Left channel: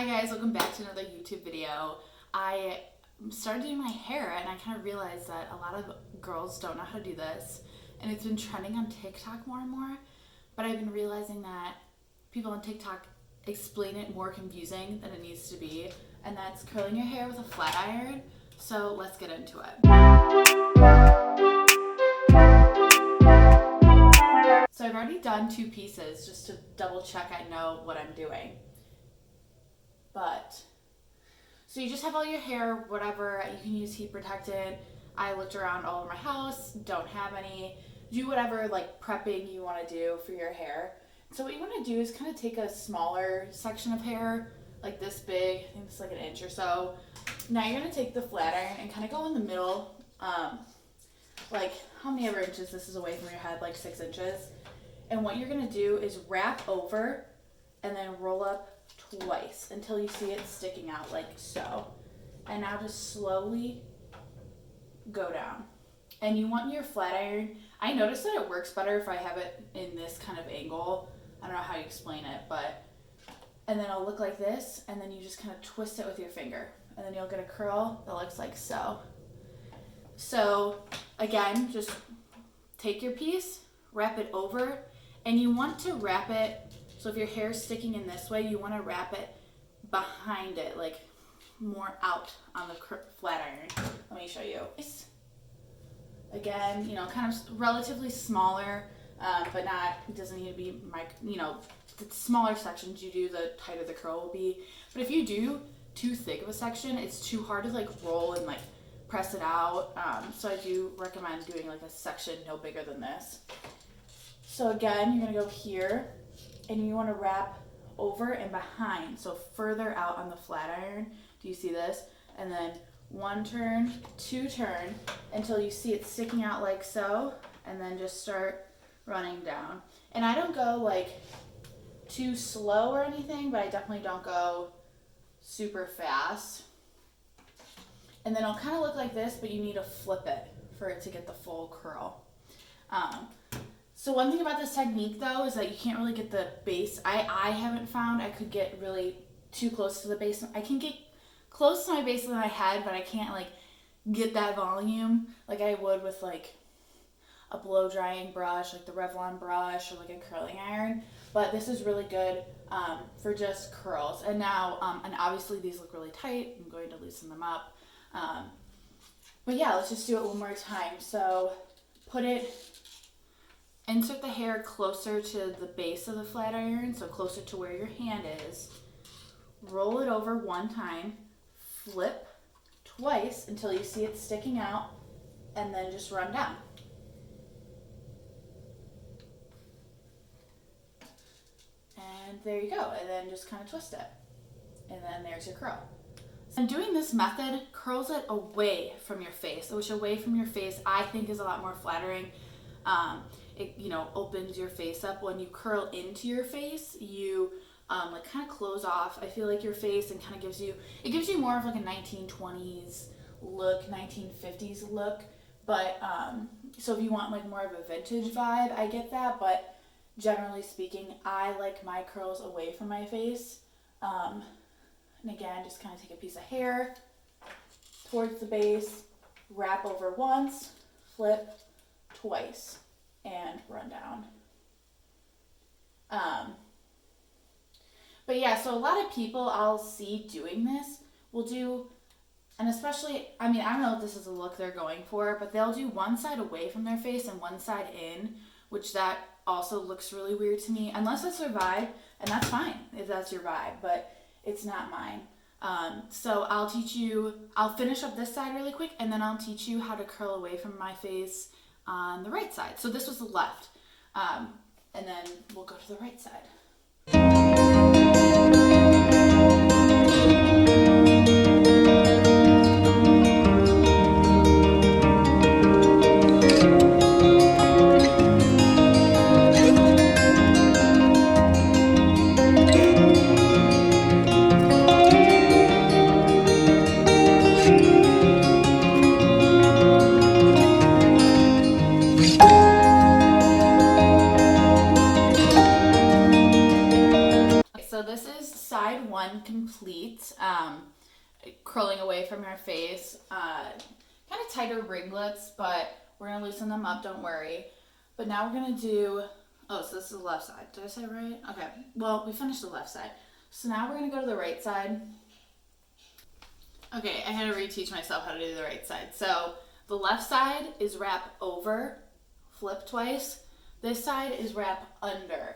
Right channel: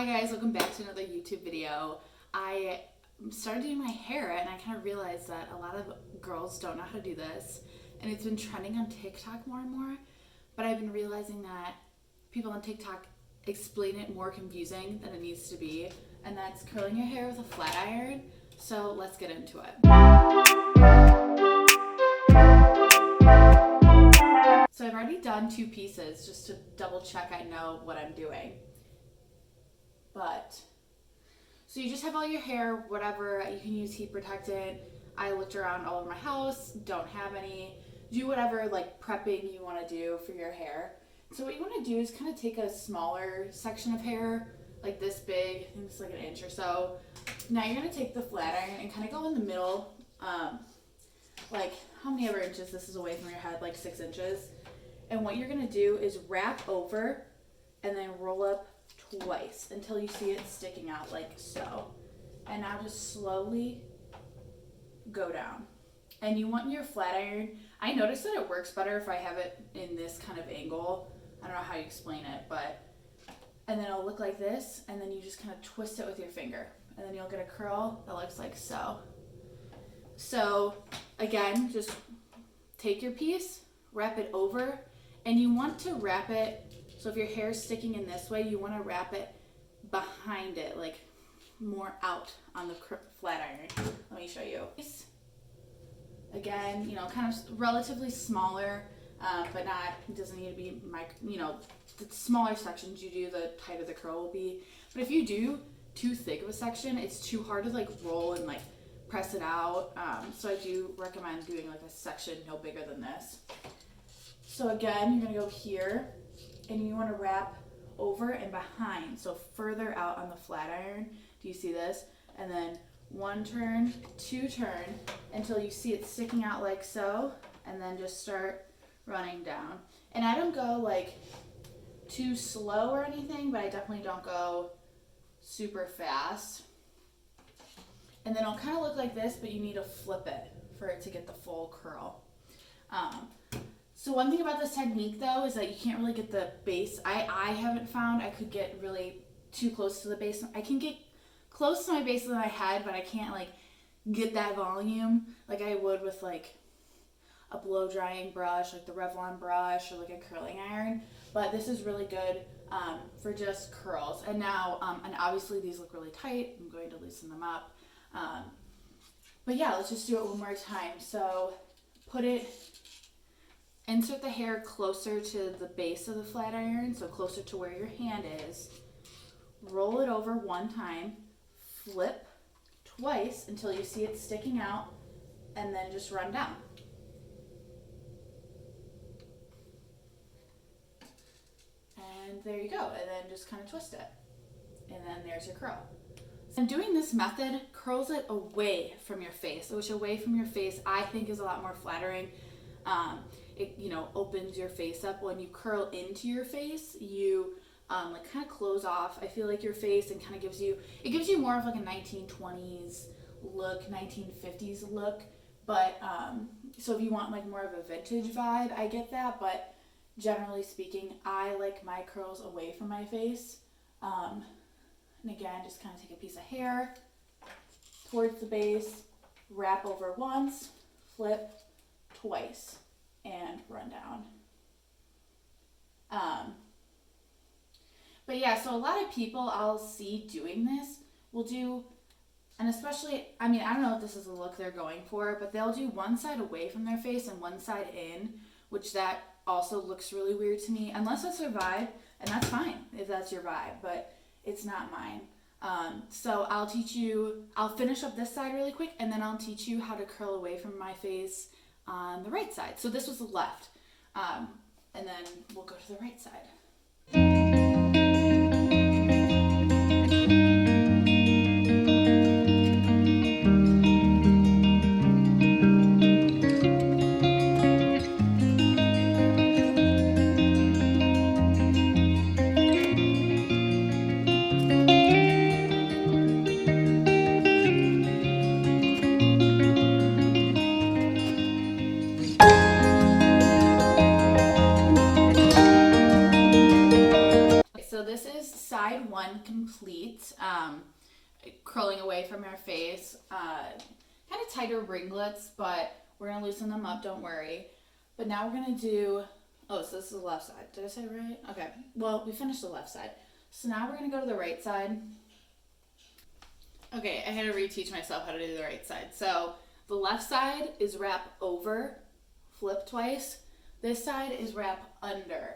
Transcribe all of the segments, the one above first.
Hi guys, welcome back to another YouTube video. I started doing my hair and I kind of realized that a lot of girls don't know how to do this, and it's been trending on TikTok more and more, but I've been realizing that people on TikTok explain it more confusing than it needs to be, and that's curling your hair with a flat iron. So let's get into it. So I've already done 2 pieces just to double check I know what I'm doing. So you just have all your hair, whatever, you can use heat protectant. I looked around all over my house, don't have any. Do whatever like prepping you want to do for your hair. So what you want to do is kind of take a smaller section of hair, like this big, I think it's like an inch or so. Now you're going to take the flat iron and kind of go in the middle, like how many ever inches this is away from your head, like 6 inches. And what you're going to do is wrap over and then roll up twice until you see it sticking out like so. And now just slowly go down. And you want your flat iron, I noticed that it works better if I have it in this kind of angle. I don't know how you explain it, but, and then it'll look like this, and then you just kind of twist it with your finger, and then you'll get a curl that looks like so. So again, just take your piece, wrap it over, and you want to wrap it, so if your hair is sticking in this way, you want to wrap it behind it, like more out on the flat iron. Let me show you. Again, you know, kind of relatively smaller, but not, it doesn't need to be, the smaller sections you do, the tighter the curl will be. But if you do too thick of a section, it's too hard to like roll and like press it out. So I do recommend doing like a section no bigger than this. So again, you're gonna go here, and you want to wrap over and behind, so further out on the flat iron. Do you see this? And then 1 turn, 2 turn, until you see it sticking out like so, and then just start running down. And I don't go like too slow or anything, but I definitely don't go super fast. And then it'll kind of look like this, but you need to flip it for it to get the full curl. So one thing about this technique though is that you can't really get the base. I haven't found I could get really too close to the base. I can get close to my base of my head, but I can't like get that volume like I would with like a blow drying brush, like the Revlon brush, or like a curling iron. But this is really good for just curls. And now, and obviously these look really tight. I'm going to loosen them up. But yeah, let's just do it one more time. So insert the hair closer to the base of the flat iron, so closer to where your hand is. Roll it over 1 time, flip twice until you see it sticking out, and then just run down. And there you go, and then just kind of twist it. And then there's your curl. And doing this method curls it away from your face, which away from your face I think is a lot more flattering. It, opens your face up. When you curl into your face, you like kind of close off, I feel like, your face, and kind of gives you more of like a 1920s look, 1950s look. But so if you want like more of a vintage vibe, I get that, but generally speaking, I like my curls away from my face. And again, just kind of take a piece of hair towards the base, wrap over once, flip twice, and run down. But yeah, so a lot of people I'll see doing this will do, and especially, I don't know if this is a look they're going for, but they'll do one side away from their face and one side in, which that also looks really weird to me, unless that's their vibe, and that's fine if that's your vibe, but it's not mine. So I'll finish up this side really quick, and then I'll teach you how to curl away from my face on the right side. So this was the left, and then we'll go to the right side. heat, curling away from your face, kind of tighter ringlets, but we're going to loosen them up, don't worry. But now we're going to do, oh, so this is the left side. Did I say right? Okay, well, we finished the left side. So now we're going to go to the right side. Okay, I had to reteach myself how to do the right side. So the left side is wrap over, flip twice. This side is wrap under.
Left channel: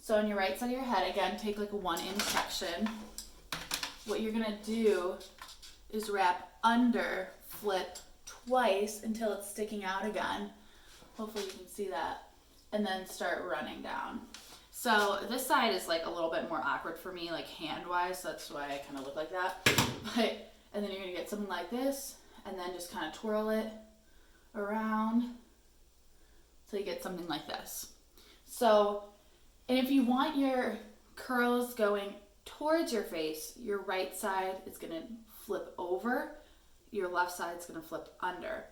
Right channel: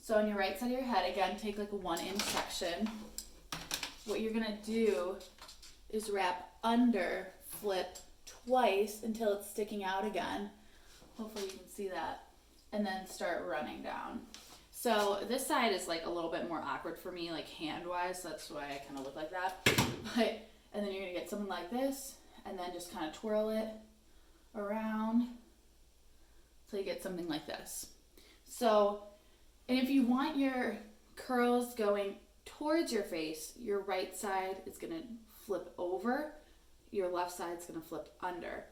So on your right side of your head, again, take like a 1 inch section. What you're gonna do is wrap under, flip twice until it's sticking out again. Hopefully you can see that. And then start running down. So this side is like a little bit more awkward for me, like hand-wise. That's why I kind of look like that. And then you're gonna get something like this, and then just kind of twirl it around till you get something like this. So, and if you want your curls going towards your face, your right side is gonna flip over, your left side is gonna flip under.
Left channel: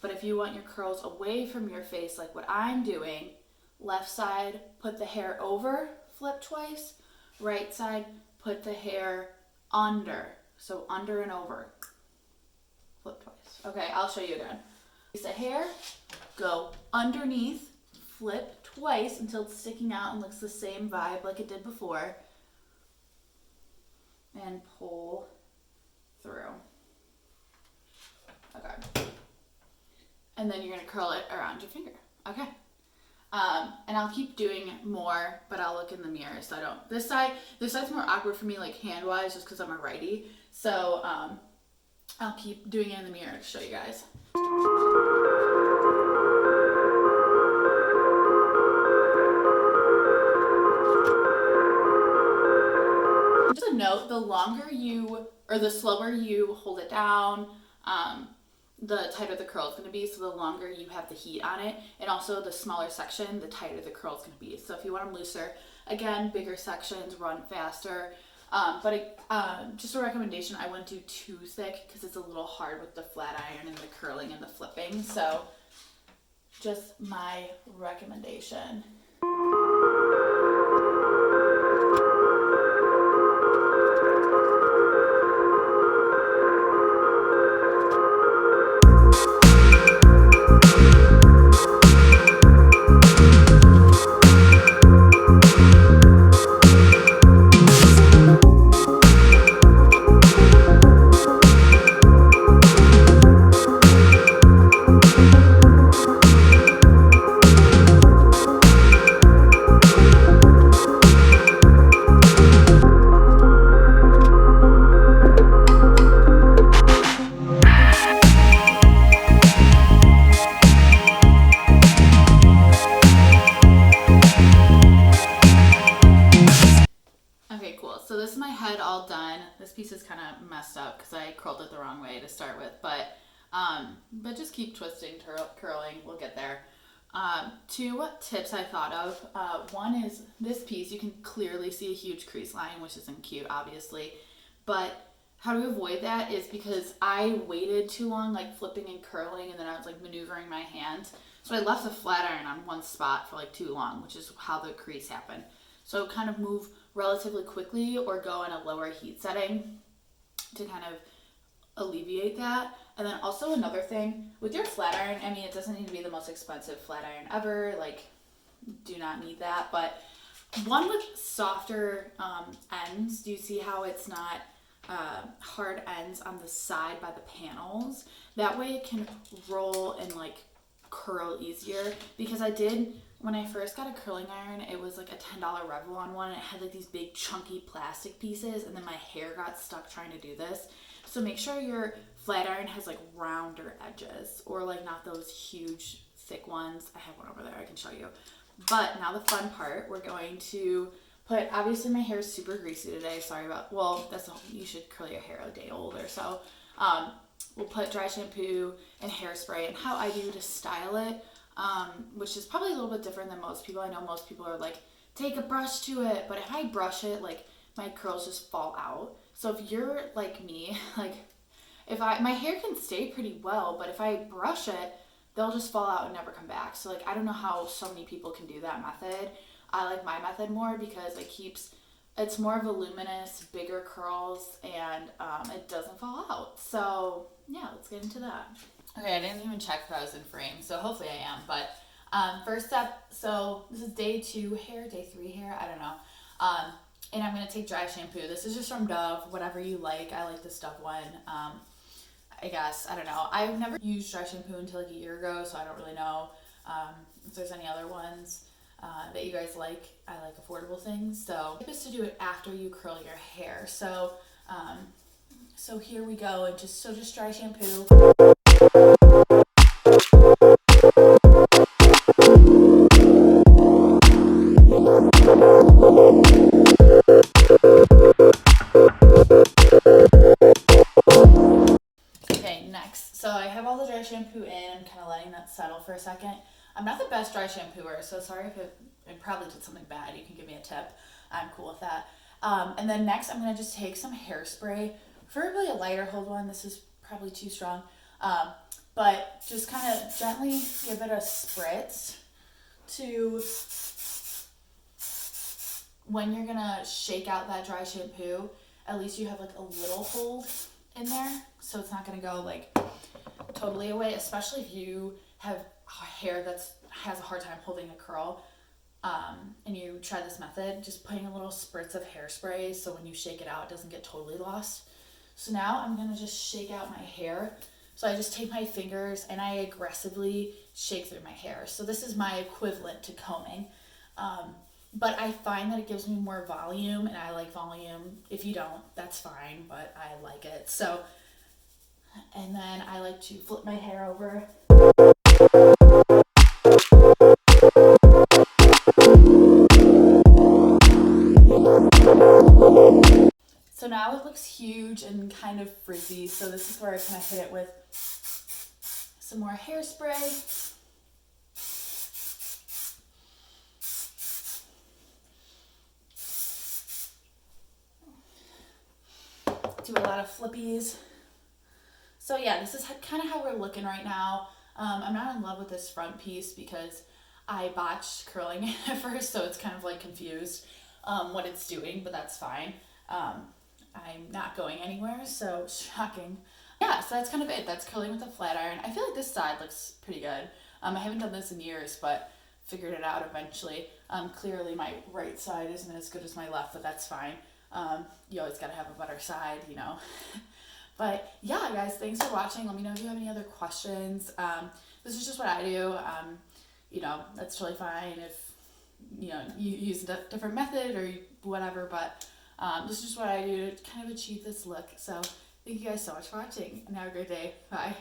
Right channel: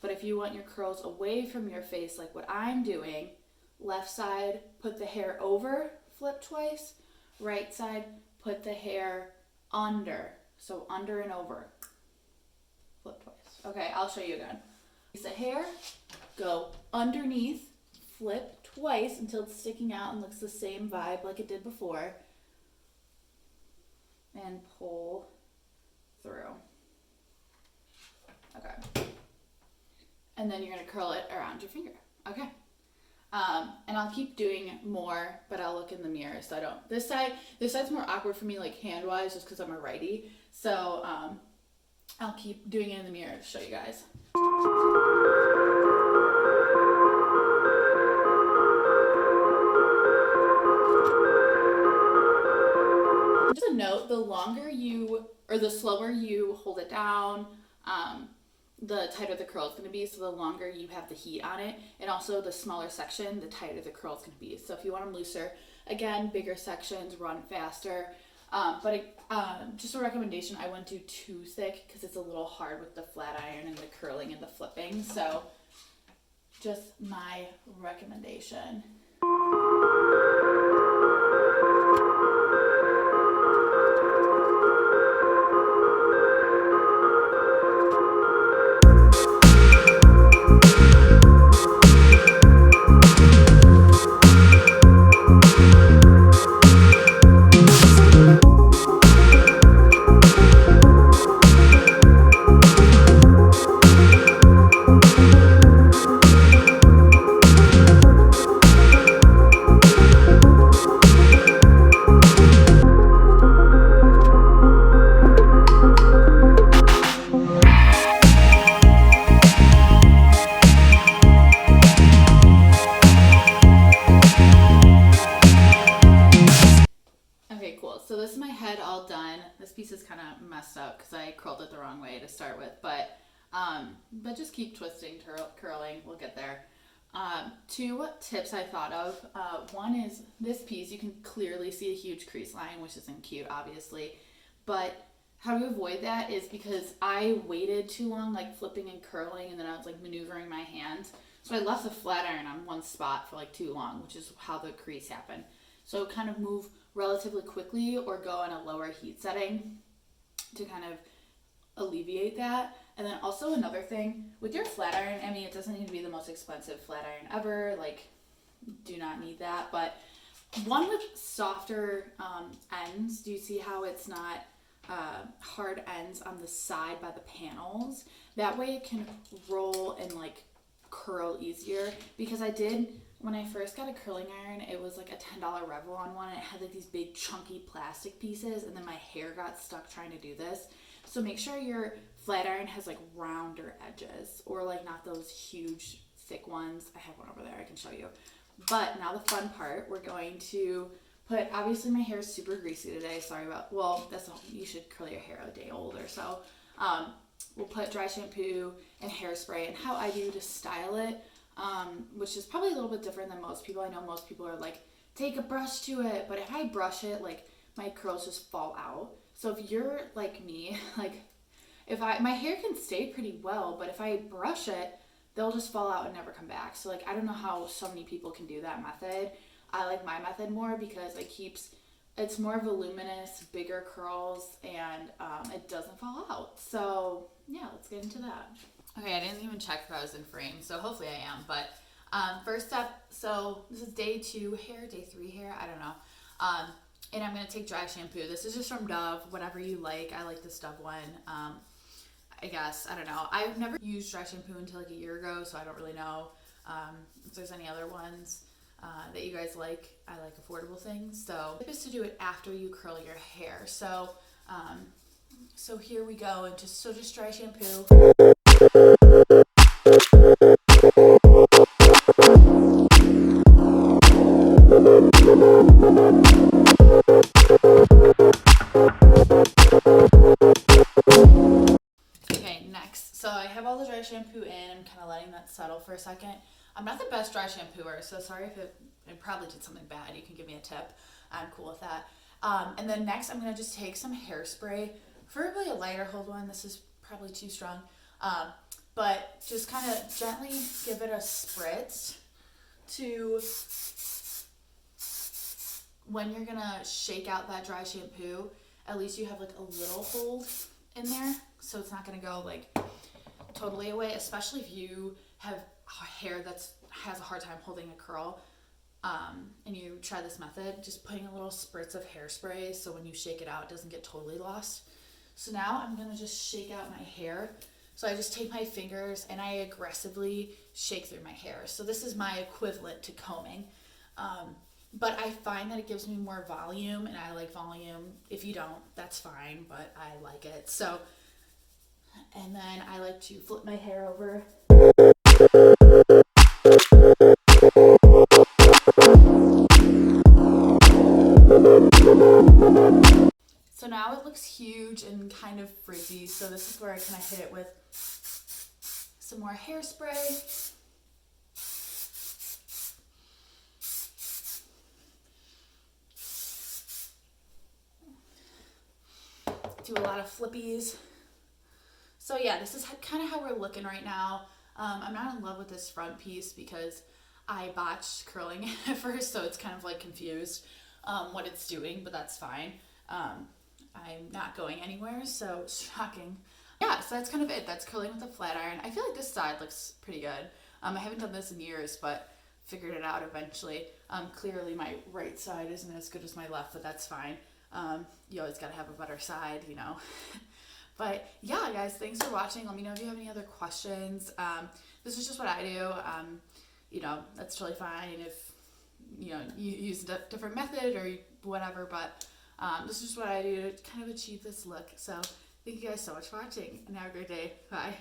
But if you want your curls away from your face, like what I'm doing, left side, put the hair over, flip twice, right side, put the hair under. So under and over, flip twice. Okay, I'll show you again. Piece of hair, go underneath, flip twice until it's sticking out and looks the same vibe like it did before, and pull through. Okay. And then you're gonna curl it around your finger. Okay. And I'll keep doing more, but I'll look in the mirror so I don't. This side's more awkward for me, like hand-wise, just because I'm a righty. So I'll keep doing it in the mirror to show you guys. Just a note: the longer you, or the slower you hold it down, the tighter the curl is going to be. So the longer you have the heat on it, and also the smaller section, the tighter the curl is going to be. So if you want them looser, again, bigger sections, run faster. Just a recommendation, I wouldn't do too thick because it's a little hard with the flat iron and the curling and the flipping. So just my recommendation. This piece is kind of messed up because I curled it the wrong way to start with, but just keep twisting, curling, we'll get there. 2 tips I thought of. One is this piece, you can clearly see a huge crease line, which isn't cute, obviously, but how to avoid that is because I waited too long, like flipping and curling, and then I was like maneuvering my hands. So I left the flat iron on one spot for like too long, which is how the crease happened. So kind of move relatively quickly or go in a lower heat setting to kind of alleviate that. And then also another thing with your flat iron, I mean, it doesn't need to be the most expensive flat iron ever, like do not need that, but one with softer ends. Do you see how it's not hard ends on the side by the panels? That way it can roll and like curl easier, because I did, when I first got a curling iron, it was like a $10 Revlon one, and it had like these big chunky plastic pieces, and then my hair got stuck trying to do this. So make sure your flat iron has like rounder edges, or like not those huge thick ones. I have one over there I can show you. But now the fun part, we're going to put, obviously my hair is super greasy today, sorry about, well, you should curl your hair a day old or so. We'll put dry shampoo and hairspray, and how I do to style it, which is probably a little bit different than most people. I know most people are like, take a brush to it, but if I brush it, like my curls just fall out. So if you're like me, like my hair can stay pretty well, but if I brush it, they'll just fall out and never come back. So like, I don't know how so many people can do that method. I like my method more because it keeps it's more voluminous, bigger curls, and it doesn't fall out. So yeah, let's get into that. Okay, I didn't even check if I was in frame, so hopefully I am. But first up, so this is day 2 hair, day 3 hair, I don't know. And I'm going to take dry shampoo. This is just from Dove, whatever you like. I like this Dove one. I guess, I don't know. I've never used dry shampoo until like a year ago, so I don't really know if there's any other ones that you guys like. I like affordable things. So the tip is to do it after you curl your hair. So so here we go, and just dry shampoo. Okay, next. So I have all the dry shampoo in. I'm kind of letting that settle for a second. I'm not the best dry shampooer, so sorry if it probably did something bad. You can give me a tip. I'm cool with that. And then next, I'm going to just take some hairspray, preferably a lighter hold one. This is probably too strong. But just kind of gently give it a spritz to when you're going to shake out that dry shampoo, at least you have like a little hold in there, so it's not going to go like totally away, especially if you have hair that has a hard time holding a curl. And you try this method, just putting a little spritz of hairspray so when you shake it out, it doesn't get totally lost. So now I'm going to just shake out my hair. So I just take my fingers and I aggressively shake through my hair. So this is my equivalent to combing. But I find that it gives me more volume, and I like volume. If you don't, that's fine, but I like it. So, and then I like to flip my hair over. So now it looks huge and kind of frizzy. So this is where I kind of hit it with some more hairspray. Do a lot of flippies. So yeah, this is kind of how we're looking right now. I'm not in love with this front piece because I botched curling it at first, so it's kind of like confused what it's doing, but that's fine. I'm not going anywhere, so shocking. Yeah, so that's kind of it. That's curling with a flat iron. I feel like this side looks pretty good. I haven't done this in years, but figured it out eventually. Clearly my right side isn't as good as my left, but that's fine. You always gotta have a better side, you know. But yeah, guys, thanks for watching. Let me know if you have any other questions. This is just what I do. You know, that's totally fine if, you know, you use a different method or whatever, but this is just what I do to kind of achieve this look. So thank you guys so much for watching, and have a great day. Bye.